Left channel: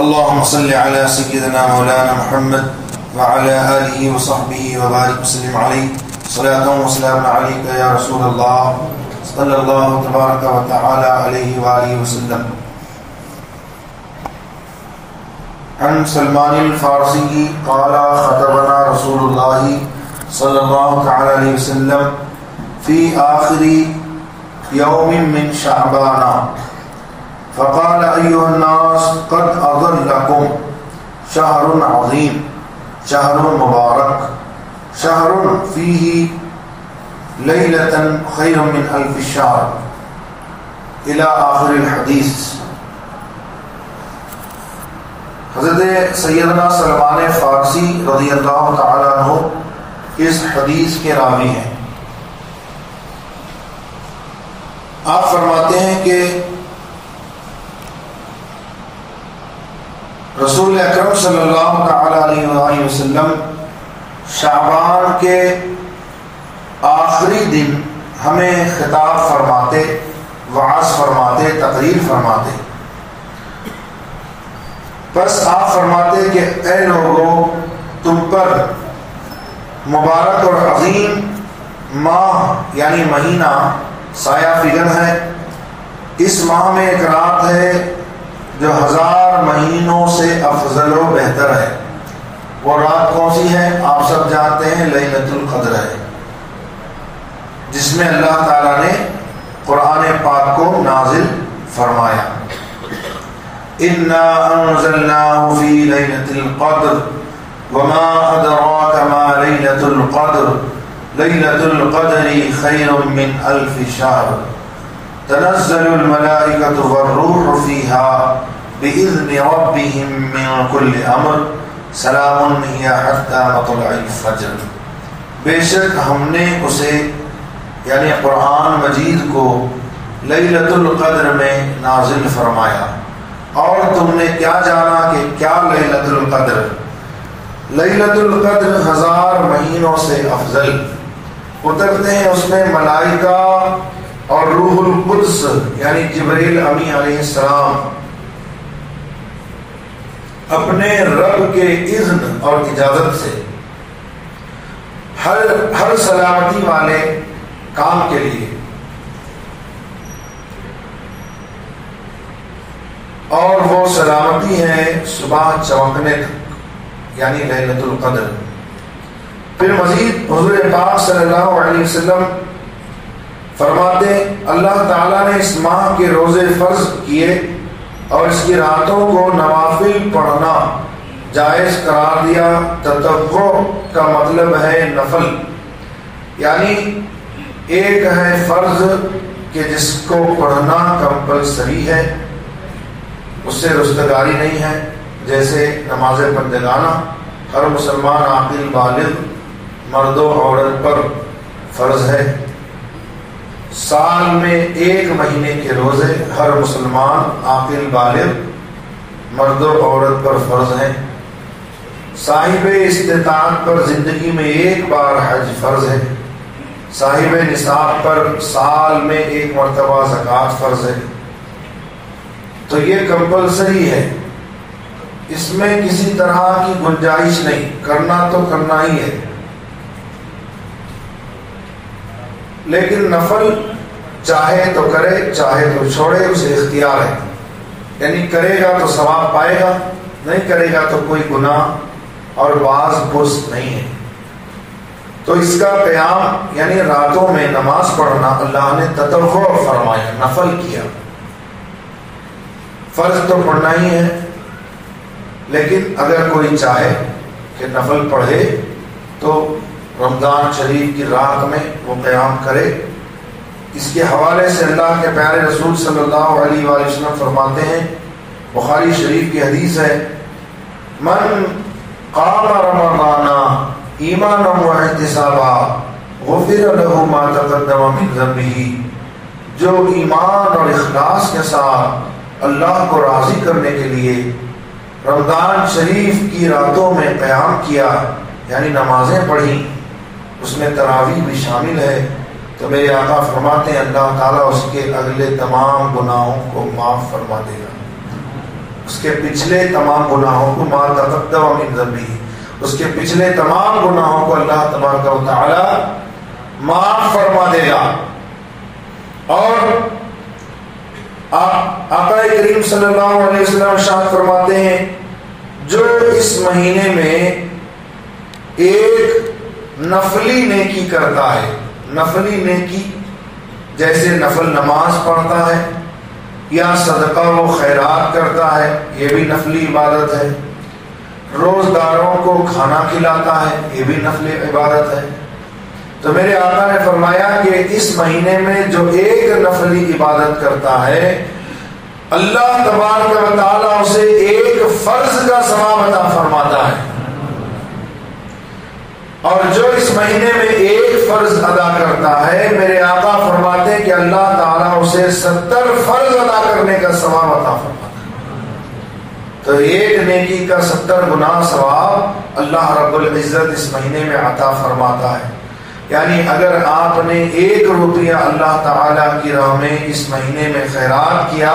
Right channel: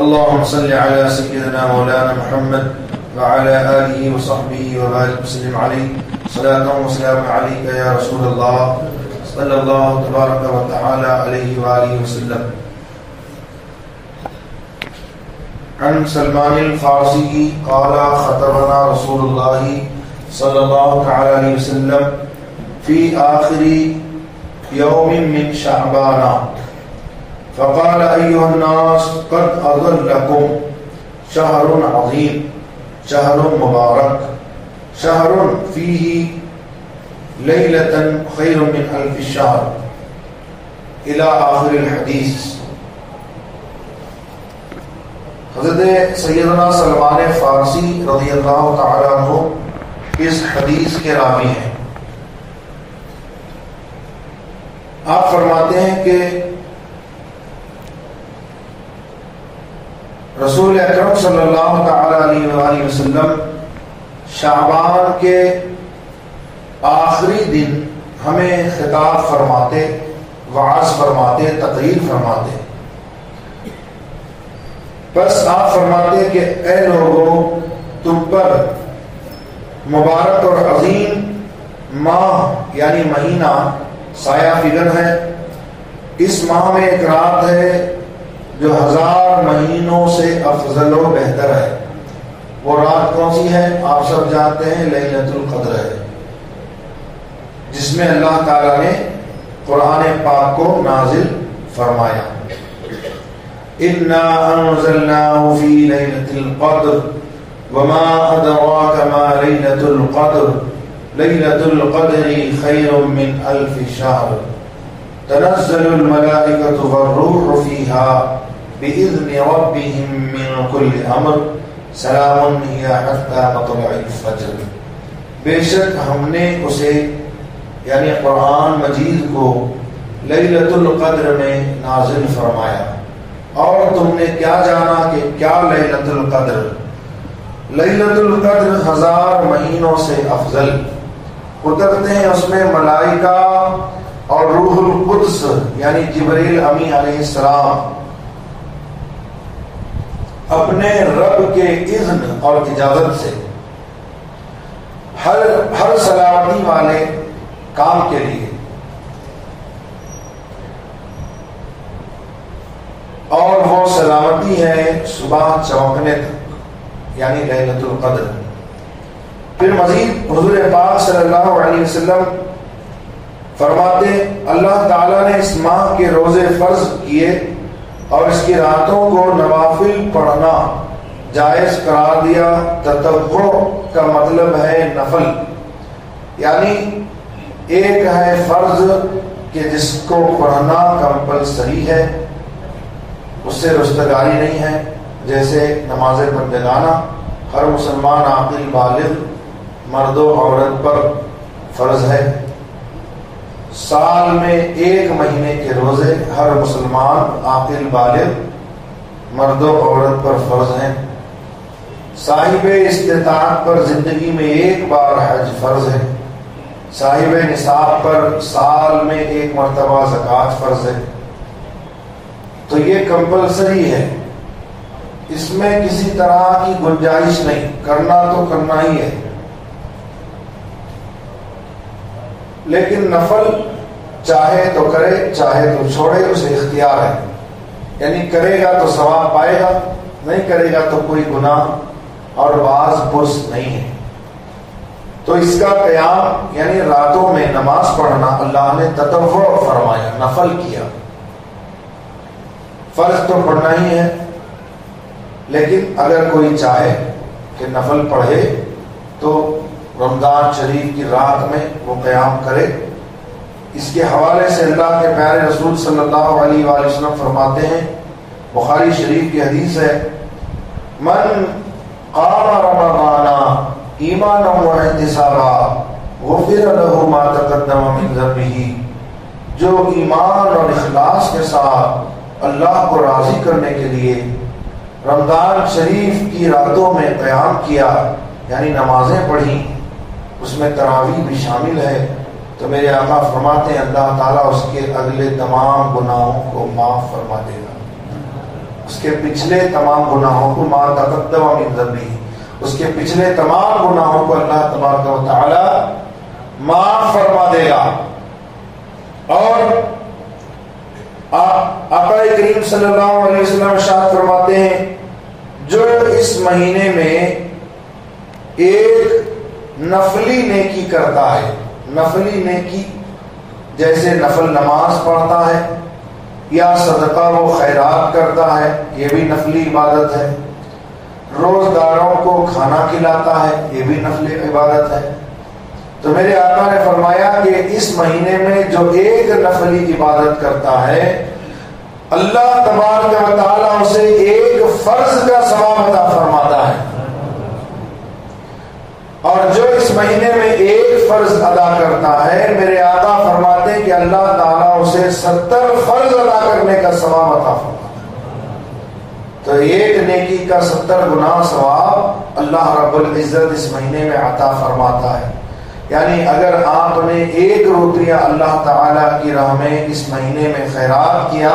اللهم صل على سيدنا مولانا محمد وعلى آله وصحبه وبارك وسلم عليه صلاة وسلام عليك يا رسول الله صلى الله تبارك وتعالى عليه وآله وسلم. عن سلمان الفارسی قال خطبنا رسول الله صلى الله تعالى عليه وسلم في آخر يوم من شعبان فقال أيها الناس قد أضلكم شهر عظيم شهر مبارك شهر فيه ليلة خير من ألف الشهر إلى آخر الحديث. حضرت سیدنا سلمان فارسی رضی اللہ تعالیٰ عنہ اس حدیث کے راوی ہیں. آپ فرماتے ہیں کہ رسول اکرم صلی اللہ تعالی علیہ وآلہ وسلم شعبان کے آخری دن ہمیں خطاب فرماتے، وعظ فرماتے، تقریر فرماتے. بس آپ فرماتے کہ اے لوگو، تم پر مبارک اور عظیم ماہ یعنی مہینہ سایہ فگن ہے. اس ماہ میں ایک رات ہے جو 1000 مہینوں سے افضل و بہتر ہے. وہ رات کون سی ہے؟ آپ سب جانتے ہیں، لیلۃ القدر ہے، جس میں اللہ تعالیٰ نے قرآن پاک کو نازل فرمایا. اِنَّا أَنزَلْنَاهُ فِي لَيْلَةِ الْقَدْرِ وَمَا أَدْرَاكَ مَا لَيْلَةُ الْقَدْرِ لَيْلَةُ الْقَدْرِ خَيْرٌ مِّنْ أَلْفِ شَهْرٍ تنزل الملائكة والروح فيها بإذن ربهم من كل أمر سلام هي حتى مطلع الفجر. بے شک ہم نے اسے یعنی قرآن مجید کو لیلۃ القدر میں نازل فرمایا. اور تم نے کیا جانا کہ کیا لیلۃ القدر؟ لیلۃ القدر 1000 مہینوں سے افضل. اترتے ہیں اس میں ملائکہ اور روح القدس یعنی جبریل امی علیہ السلام اپنے رب کے اذن اور اجازت سے ہر سلامتی والے کام کے لیے. اور وہ سلامتی ہے صبح چمکنے تک یعنی لیلۃ القدر. پھر مزید حضور پاک صلی اللہ علیہ وسلم فرماتے اللہ تعالیٰ نے اس ماہ کے روزے فرض کیے اور اس کی راتوں کو نوافل پڑھنا جائز قرار دیا. تطوع کا مطلب ہے نفل، یعنی ایک ہے فرض کہ جس کو پڑھنا کمپلسری ہے، اس سے رستگاری نہیں ہے، جیسے نماز پنجگانہ ہر مسلمان عاقل بالغ مرد و عورت پر فرض ہے. سال میں 1 مہینے کے روزے ہر مسلمان عاقل بالغ مرد و عورت پر فرض ہیں. صاحب استطاعت پر زندگی میں 1 بار حج فرض ہے. صاحب نصاب پر سال میں 1 مرتبہ زکوٰۃ فرض ہے. تو یہ کمپلسری ہے، اس میں کسی طرح کی گنجائش نہیں، کرنا تو کرنا ہی ہے. لیکن نفل چاہے تو کرے چاہے تو چھوڑے، اسے اختیار ہے. یعنی کرے گا تو ثواب پائے گا، نہیں کرے گا تو کوئی گناہ اور باز پرس نہیں ہے. تو اس کا قیام یعنی راتوں میں نماز پڑھنا اللہ نے تطوع فرمایا، نفل کیا. فرض تو پڑھنا ہی ہے، لیکن اگر کوئی چاہے کہ نفل پڑھے تو رمضان شریف کی رات میں وہ قیام کرے. اس کے حوالے سے اللہ کے پیارے رسول صلی اللہ علیہ وآلہ وسلم فرماتے ہیں، بخاری شریف کی حدیث ہے، من قام رمضان ایمانا واحتسابا غفر له ما تقدم من ذنبه. جو ایمان اور اخلاص کے ساتھ اللہ کو راضی کرنے کے لیے رمضان شریف کی راتوں میں قیام کیا یعنی نمازیں پڑھی، اس میں تراویح بھی شامل ہے، تو میرے آقا فرماتے ہیں اللہ تعالیٰ اس کے اگلے تمام گناہوں کو معاف فرما دے گا. اس کے پچھلے تمام گناہوں کو ما تقدم من ذنبہ، اس کے پچھلے تمام گناہوں کو اللہ تبارک و تعالی معاف فرما دے گا۔ اور آقا کریم صلی اللہ علیہ وسلم ارشاد فرماتے ہیں جو اس مہینے میں ایک نفلی نیکی کرتا ہے، نفلی نیکی جیسے نفل نماز پڑھتا ہے یا صدقہ و خیرات کرتا ہے، یہ بھی نفلی عبادت ہے، روزداروں کو کھانا کھلاتا ہے، یہ بھی نفلی عبادت ہے، تو میرے آقا نے فرمایا کہ اس مہینے میں جو ایک نفلی عبادت کرتا ہے اللہ تبارک و تعالیٰ اسے ایک فرض کا ثواب عطا فرماتا ہے، اور جو اس مہینے میں ایک فرض ادا کرتا ہے میرے آقا فرماتے ہیں کہ اللہ تعالیٰ اسے 70 فرض ادا کرنے کا ثواب عطا فرماتا ہے۔ تو ایک نیکی کا 70 گنا ثواب اللہ رب العزت اس مہینے میں عطا فرماتا ہے۔ یعنی اگر آپ نے 1 روپیہ اللہ تعالیٰ کی راہ میں اس مہینے میں خیرات کیا،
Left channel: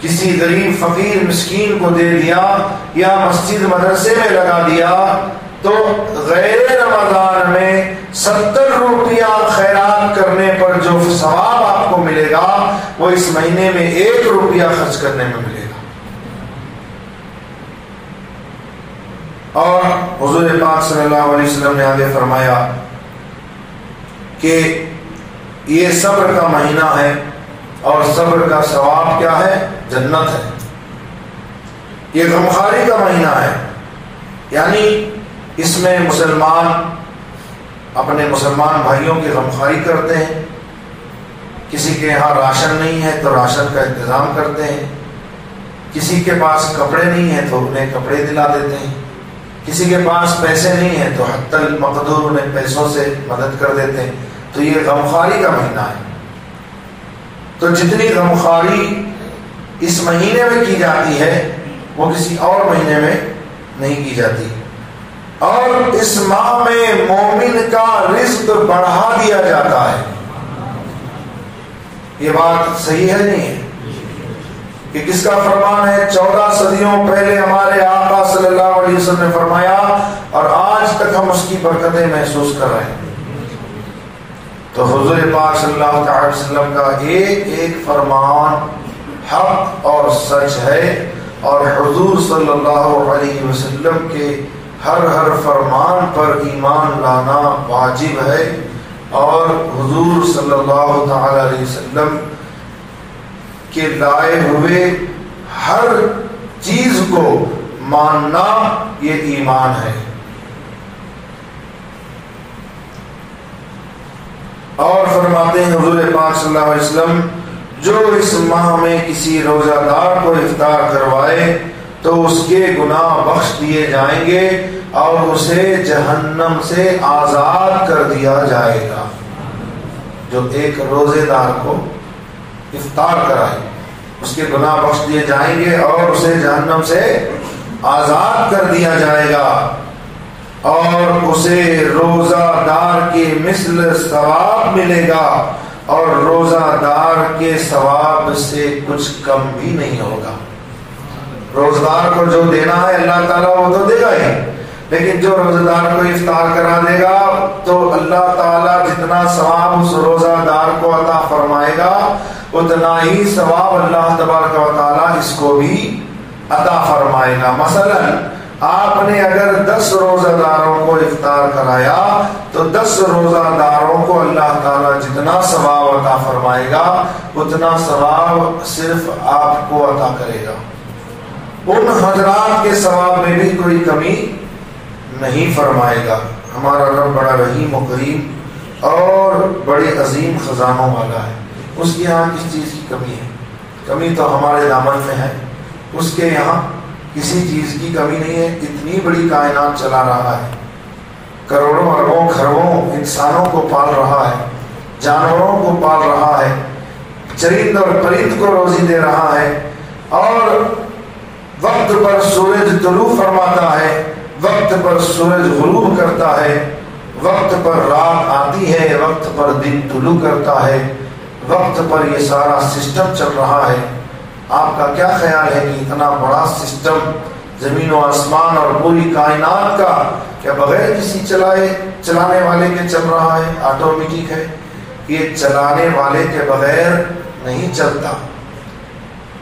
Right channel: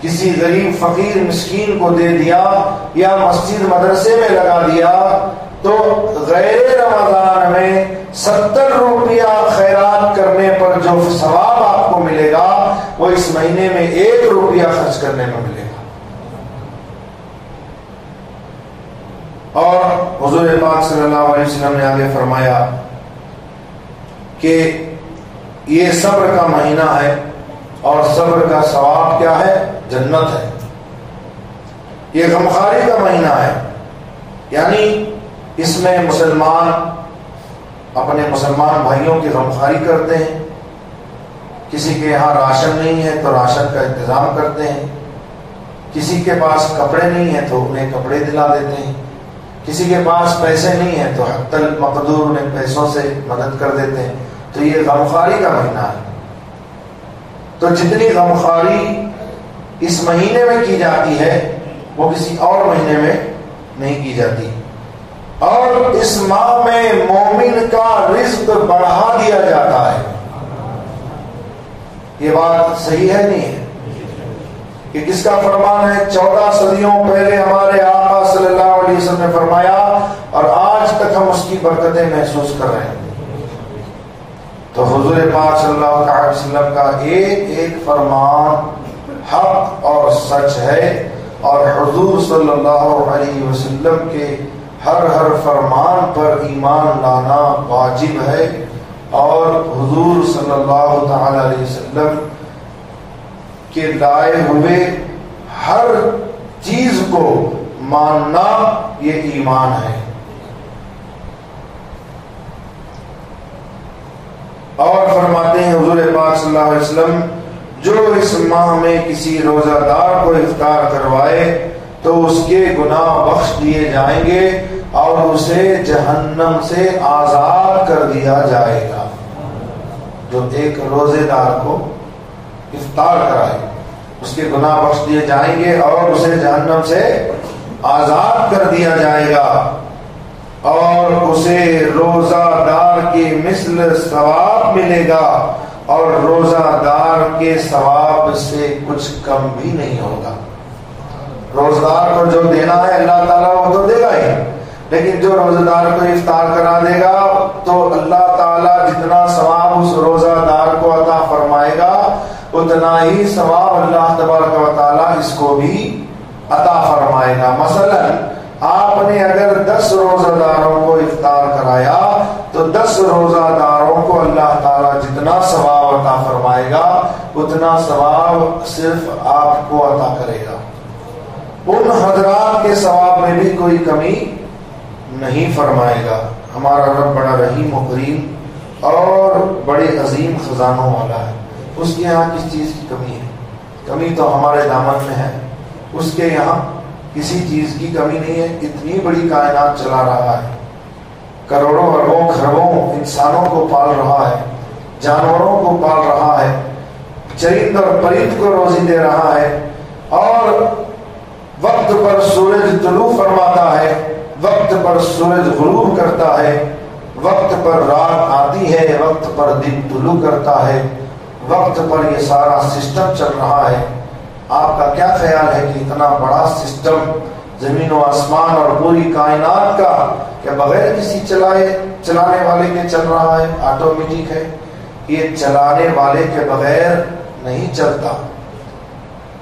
کسی غریب فقیر مسکین کو دے دیا یا مسجد مدرسے میں لگا دیا، تو غیر رمضان میں 70 روپیہ خیرات کرنے پر جو ثواب آپ کو ملے گا وہ اس مہینے میں 1 روپیہ خرچ کرنے میں ملے گا۔ اور حضور پاک صلی اللہ علیہ وسلم نے آگے فرمایا کہ یہ صبر کا مہینہ ہے اور صبر کا ثواب کیا ہے؟ جنت ہے۔ یہ غمخواری کا مہینہ ہے، یعنی اس میں مسلمان اپنے مسلمان بھائیوں کی غمخواری کرتے ہیں، کسی کے یہاں راشن نہیں ہے تو راشن کا انتظام کرتے ہیں، کسی کے پاس کپڑے نہیں ہیں تو انہیں کپڑے دلا دیتے ہیں، کسی کے پاس پیسے نہیں ہیں تو حتی المقدور انہیں پیسوں سے مدد کر دیتے ہیں۔ تو یہ غمخواری کا مہینہ ہے۔ تو جتنی غمخواری اس مہینے میں کی جاتی ہے وہ کسی اور مہینے میں نہیں کی جاتی۔ اور اس ماہ میں مومن کا رزق بڑھا دیا جاتا ہے۔ یہ بات صحیح ہے نہیں ہے؟ کہ کس کا فرمان ہے؟ 14 صدیوں پہلے ہمارے آقا صلی اللہ علیہ وسلم نے فرمایا اور آج تک ہم اس کی برکتیں محسوس کر رہے ہیں۔ تو حضور پاک صلی اللہ علیہ وسلم کا ایک ایک فرمان حق اور سچ ہے، اور حضور صلی اللہ علیہ وسلم کے ہر فرمان پر ایمان لانا واجب ہے، اور حضور صلی اللہ تعالی علیہ وسلم کے لائے ہوئے ہر چیز کو ماننا یہ ایمان ہے۔ اور فرماتے ہیں حضور پاک صلی اللہ علیہ وسلم جو اس ماہ میں کسی روزہ دار کو افطار کروائے تو اس کے گناہ بخش دیے جائیں گے اور اسے جہنم سے آزاد کر دیا جائے گا۔ جو ایک روزے دار کو افطار کرائے اس کے گناہ بخش دیے جائیں گے اور اسے جہنم سے آزاد کر دیا جائے گا، اور اسے روزہ دار کے مثل ثواب ملے گا، اور روزہ دار کے ثواب سے کچھ کم بھی نہیں ہوگا۔ روزہ دار کو جو دینا ہے اللہ تعالیٰ وہ تو دے گا ہی، لیکن جو روزہ دار کو افطار کرا دے گا تو اللہ تعالیٰ جتنا ثواب اس روزہ دار کو عطا فرمائے گا اتنا ہی ثواب اللہ تبارک و تعالیٰ اس کو بھی عطا فرمائے گا۔ مثلا آپ نے اگر 10 روزہ داروں کو افطار کرایا تو 10 روزہ داروں کو اللہ تعالیٰ جتنا ثواب عطا فرمائے گا اتنا ثواب صرف آپ کو عطا کرے گا، ان حضرات کے ثواب میں بھی کوئی کمی نہیں فرمائے گا۔ ہمارا رب بڑا رحیم و کریم اور بڑے عظیم خزانوں والا ہے، اس کے یہاں کس چیز کی کمی ہے؟ کمی تو ہمارے دامن میں ہے، اس کے یہاں کسی چیز کی کمی نہیں ہے۔ اتنی بڑی کائنات چلا رہا ہے، کروڑوں اربوں کھربوں انسانوں کو پال رہا ہے، جانوروں کو پال رہا ہے، چرند اور پرند کو روزی دے رہا ہے، اور وقت پر سورج طلوع فرماتا ہے، وقت پر سورج غروب کرتا ہے، وقت پر رات آتی ہے، وقت پر دن طلوع کرتا ہے، وقت پر یہ سارا سسٹم چل رہا ہے۔ آپ کا کیا خیال ہے کہ اتنا بڑا سسٹم زمین و آسمان اور پوری کائنات کا کیا بغیر کسی چلانے والے کے چل رہا ہے؟ آٹومیٹک ہے، یہ چلانے والے کے بغیر نہیں چلتا۔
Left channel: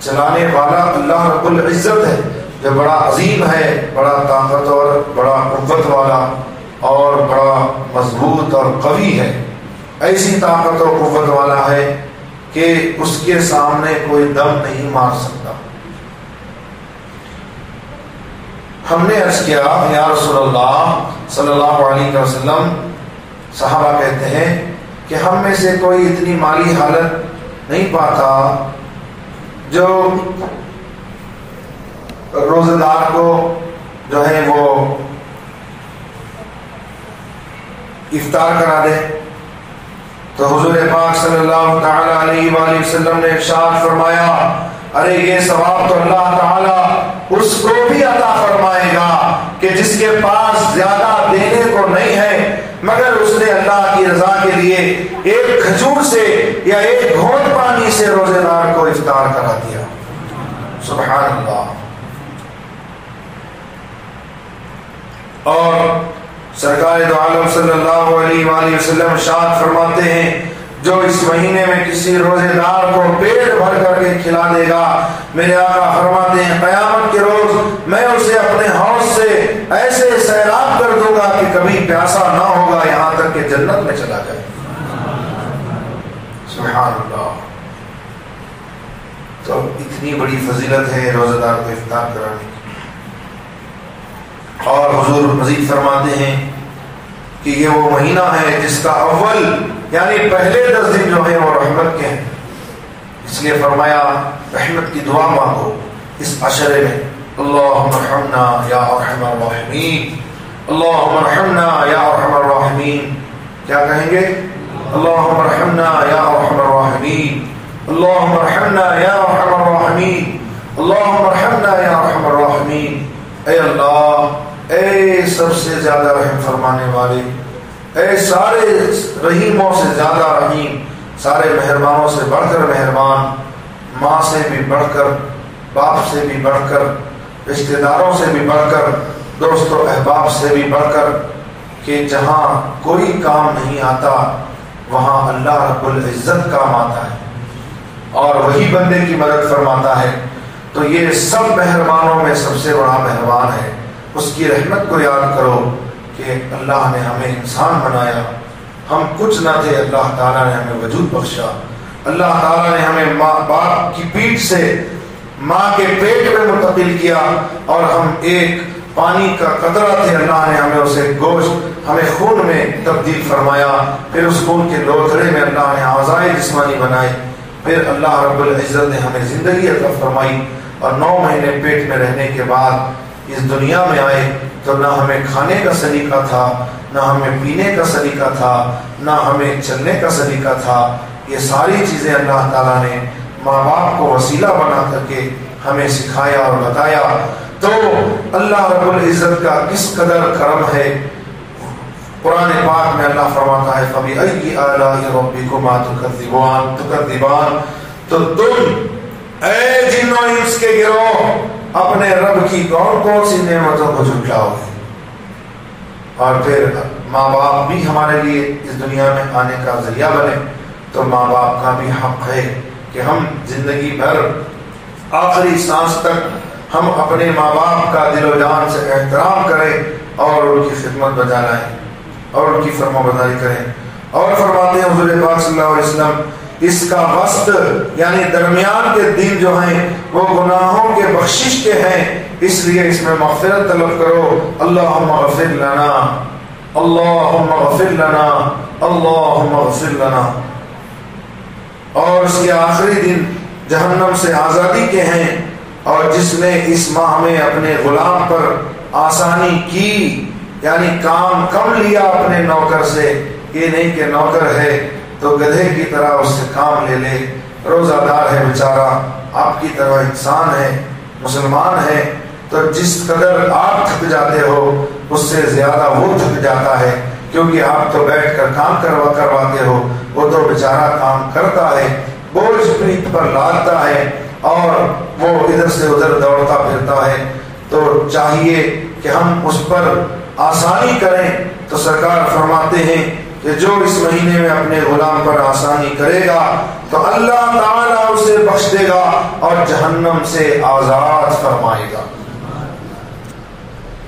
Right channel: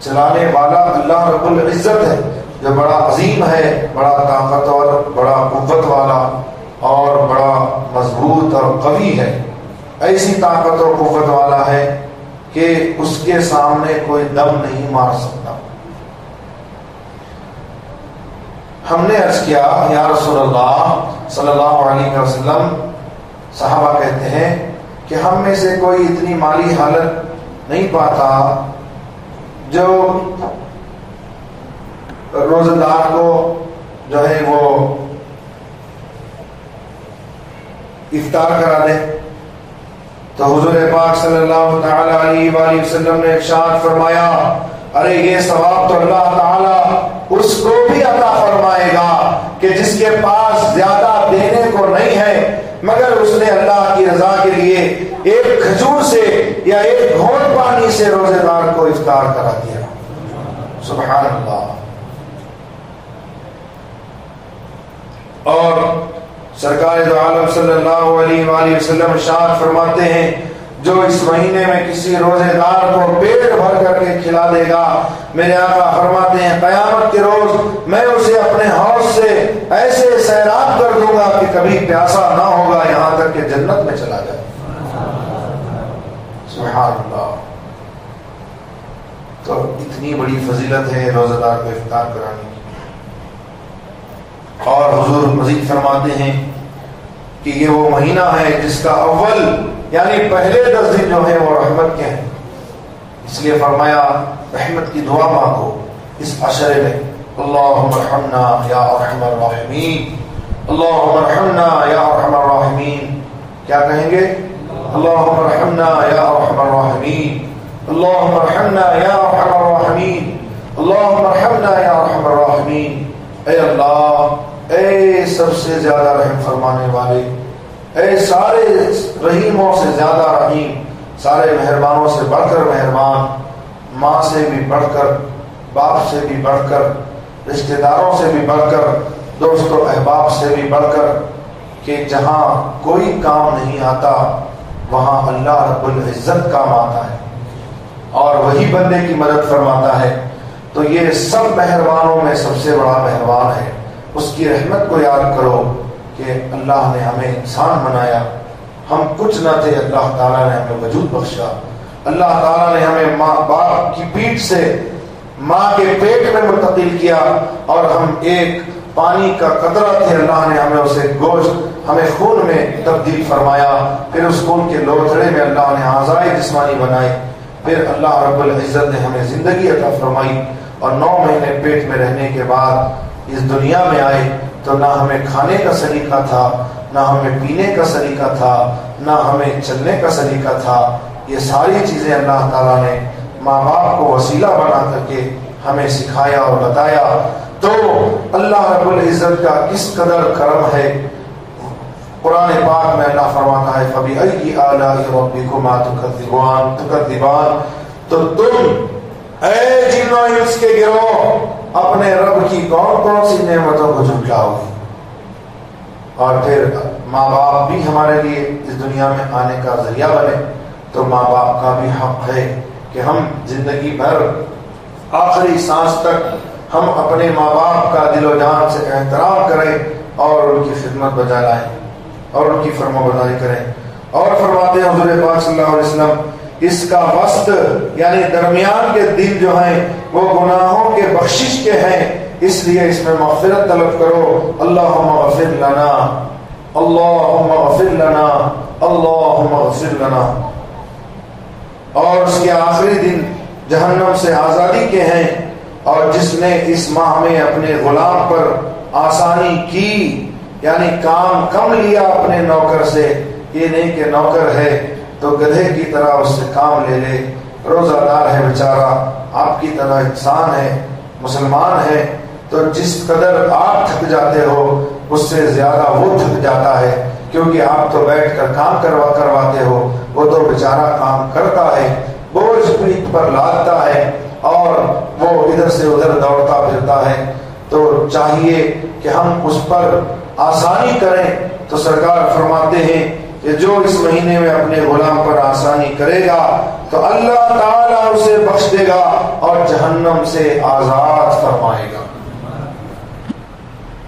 چلانے والا اللہ رب العزت ہے جو بڑا عظیم ہے، بڑا طاقتور، بڑا قوت والا اور بڑا مضبوط اور قوی ہے۔ ایسی طاقت اور قوت والا ہے کہ اس کے سامنے کوئی دم نہیں مار سکتا۔ ہم نے عرض کیا یا رسول اللہ صلی اللہ علیہ وسلم، صحابہ کہتے ہیں کہ ہم میں سے کوئی اتنی مالی حالت نہیں پاتا جو روزہ دار کو جو ہے وہ افطار کرا دے۔ تو حضور پاک صلی اللہ تعالی علیہ وآلہ وسلم نے ارشاد فرمایا، ارے یہ ثواب تو اللہ تعالی اس کو بھی عطا فرمائے گا کہ جس کے پاس زیادہ دینے کو نہیں ہے مگر اس نے اللہ کی رضا کے لیے ایک کھجور سے یا ایک گھونٹ پانی سے روزے دار کو افطار کرا دیا۔ سبحان اللہ۔ اور سرکار دو عالم صلی اللہ علیہ وآلہ وسلم ارشاد فرماتے ہیں، جو اس مہینے میں کسی روزے دار کو پیٹ بھر کر کے کھلا دے گا، میرے آقا فرماتے ہیں قیامت کے روز میں اسے اپنے حوض سے ایسے سیراب کر دوں گا کہ کبھی پیاسا نہ ہوگا یہاں تک کہ جنت میں چلا جائے۔ سبحان اللہ۔ تو اتنی بڑی فضیلت ہے روزہ دار کو افطار کرانے کی۔ اور حضور مزید فرماتے ہیں کہ یہ وہ مہینہ ہے جس کا اول یعنی پہلے 10 دن جو ہیں وہ رحمت کے ہیں، اس لیے فرمایا رحمت کی دعا مانگو اس عشرے میں۔ اللہم ارحمنا یا ارحم الراحمین، اللہم ارحمنا یا ارحم الراحمین۔ کیا کہیں گے؟ اللہم ارحمنا یا ارحم الراحمین، اللہم ارحمنا یا ارحم الراحمین، اللہم ارحمنا یا ارحم الراحمین۔ اے اللہ، اے سب سے زیادہ رحم فرمانے والے، اے سارے رحیموں سے زیادہ رحیم، سارے مہربانوں سے بڑھ کر مہربان، ماں سے بھی بڑھ کر، باپ سے بھی بڑھ کر، رشتہ داروں سے بھی بڑھ کر، دوست و احباب سے بھی بڑھ کر، کہ جہاں کوئی کام نہیں آتا وہاں اللہ رب العزت کام آتا ہے اور وہی بندے کی مدد فرماتا ہے۔ تو یہ سب مہربانوں میں سب سے بڑا مہربان ہے۔ اس کی رحمت کو یاد کرو کہ اللہ نے ہمیں انسان بنایا، ہم کچھ نہ تھے، اللہ تعالیٰ نے ہمیں وجود بخشا، اللہ تعالیٰ نے ہمیں ماں باپ کی پیٹھ سے ماں کے پیٹ میں منتقل کیا اور ہم ایک پانی کا قطرہ تھے، اللہ نے ہمیں اسے گوشت، ہمیں خون میں تبدیل فرمایا، پھر اس خون کے لوتھڑے میں اللہ نے اعضائے جسمانی بنائے، پھر اللہ رب العزت نے ہمیں زندگی عطا فرمائی اور 9 مہینے پیٹ میں رہنے کے بعد اس دنیا میں آئے تو نہ ہمیں کھانے کا سلیقہ تھا، نہ ہمیں پینے کا سلیقہ تھا، نہ ہمیں چلنے کا سلیقہ تھا۔ یہ ساری چیزیں اللہ تعالیٰ نے ماں باپ کو وسیلہ بنا کر کے ہمیں سکھایا اور بتایا۔ تو اللہ رب العزت کا کس قدر کرم ہے۔ قرآن پاک میں اللہ فرماتا ہے فَبِأَيِّ آلَاءِ رَبِّكُمَا تُكَذِّبَانِ، تو تم اے جن و انس کے گروہ اپنے رب کی کون کون سی نعمتوں کو جھٹلاؤ گے۔ اور پھر ماں باپ بھی ہمارے لیے اس دنیا میں آنے کا ذریعہ بنے، تو ماں باپ کا بھی حق ہے کہ ہم زندگی بھر آخری سانس تک ہم اپنے ماں باپ کا دل و جان سے احترام کریں اور ان کی خدمت بجا لائیں اور ان کی فرما برداری کریں۔ اور فرماتے ہیں حضور پاک صلی اللہ علیہ وسلم، اس کا وسط یعنی درمیان کے دن جو ہیں وہ گناہوں کے بخشش کے ہیں، اس لیے اس میں مغفرت طلب کرو۔ اللہم اغفر لنا، اللہم اغفر لنا، اللہم اغفر لنا۔ اور اس کے آخری دن جہنم سے آزادی کے ہیں، اور جس نے اس ماہ میں اپنے غلام پر آسانی کی یعنی کام کم لیا اپنے نوکر سے، یہ نہیں کہ نوکر ہے تو گدھے کی طرح اس سے کام لے لے، روزہ دار ہے بیچارہ، آپ کی طرح انسان ہے، مسلمان ہے، تو جس قدر آپ تھک جاتے ہو اس سے زیادہ وہ تھک جاتا ہے، کیونکہ آپ تو بیٹھ کر کام کرواتے ہو، وہ تو بیچارہ کام کرتا ہے، بوجھ پیٹھ پر لادتا ہے اور وہ ادھر سے ادھر دوڑتا پھرتا ہے، تو چاہیے کہ ہم اس پر آسانی کریں۔ تو سرکار فرماتے ہیں کہ جو اس مہینے میں اپنے غلام پر آسانی کرے گا تو اللہ تعالیٰ اسے بخش دے گا اور جہنم سے آزاد فرمائے گا۔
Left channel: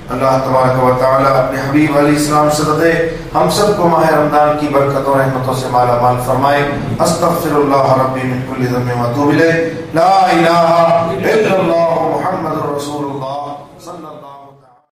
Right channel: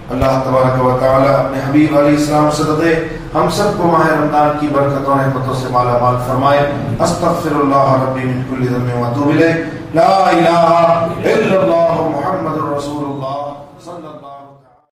اللہ تبارک و تعالیٰ اپنے حبیب علیہ السلام صدقے ہم سب کو ماہ رمضان کی برکتوں اور رحمتوں سے مالا مال فرمائے۔ استغفر اللہ ربی من کل ذنب و اتوب الیہ، لا الہ الا اللہ